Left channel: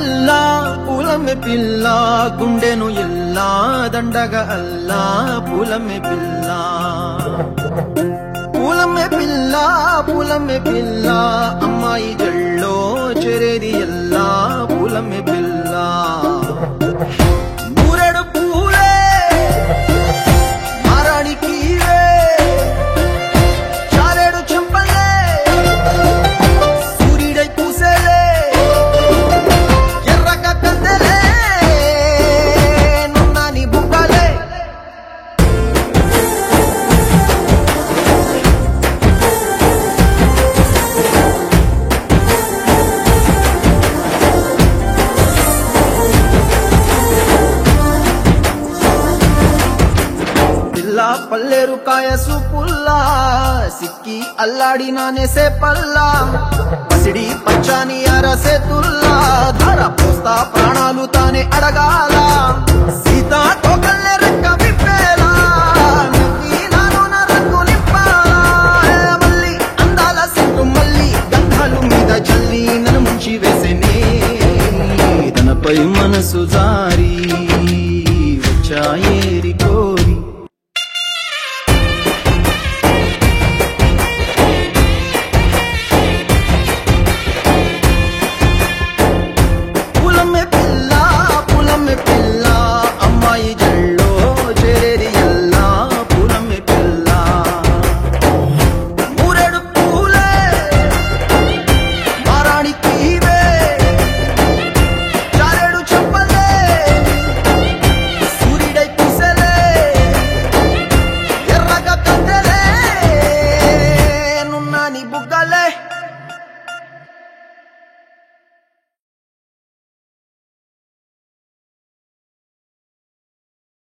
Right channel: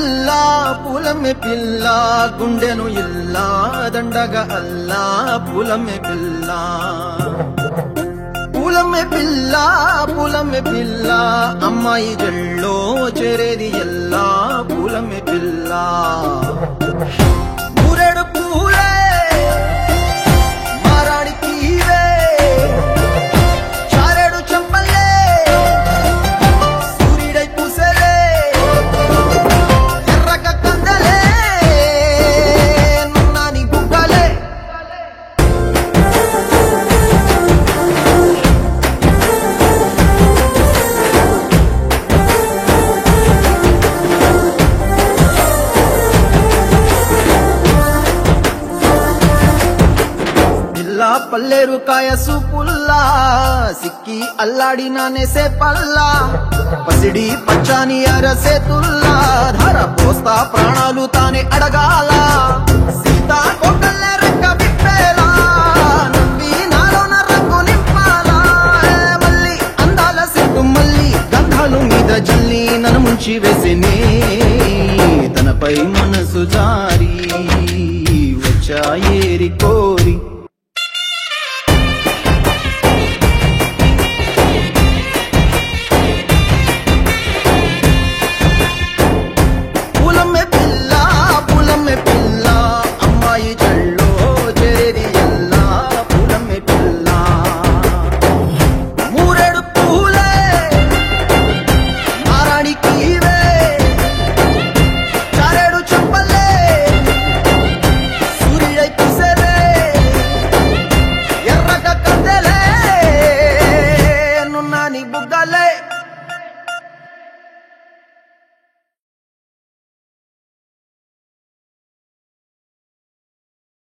పిల్ల పూలమే పిల్ల గుండెను ఇల్లా దండగ అల్లా పూలమే పిల్ల పూలమే పిల్ల పూలమే పిల్ల అమ్మాయి జల్లో చేరేది ఎల్లా పూలమే పిల్ల ఊరేడు పూలే మారాణి కీలే చారేడు చెంపలే సూర్యుడై పూసే ఎర్రగ కందలే నున్నాని బుగ్గలే పల్లేరు కాయసు పుల్లా సిక్కి అల్లాడినానే సే పల్లా పసిడి పచ్చాని అరసే తుల్లా ధర పోస్తా ప్రాణాలు తానే అడగాల సీతా